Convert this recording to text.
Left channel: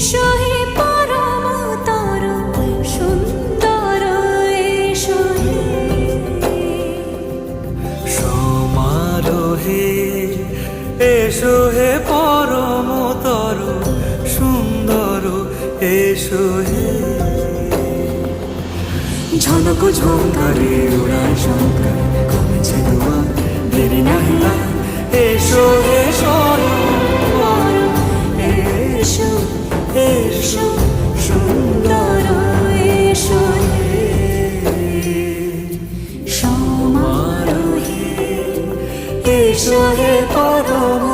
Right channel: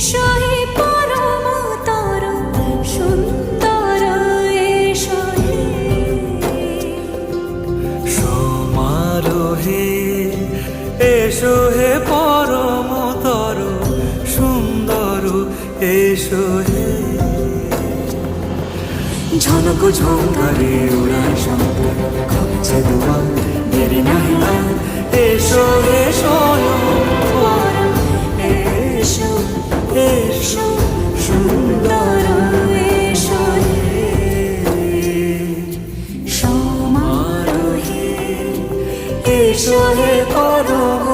এসো হে পরমতর সুন্দর, এসো হে সমারোহে, এসো হে পরমতর সুন্দর, এসো হে। ঝনক ঝঙ্কারে উড়ায় শঙ্কারে কমেছে দুয়ার, দেরি নাহি আর, এসো হে স্বয়ংবর, এসো এসো সুন্দর, এসো হে সমারোহে, এসো হে পরম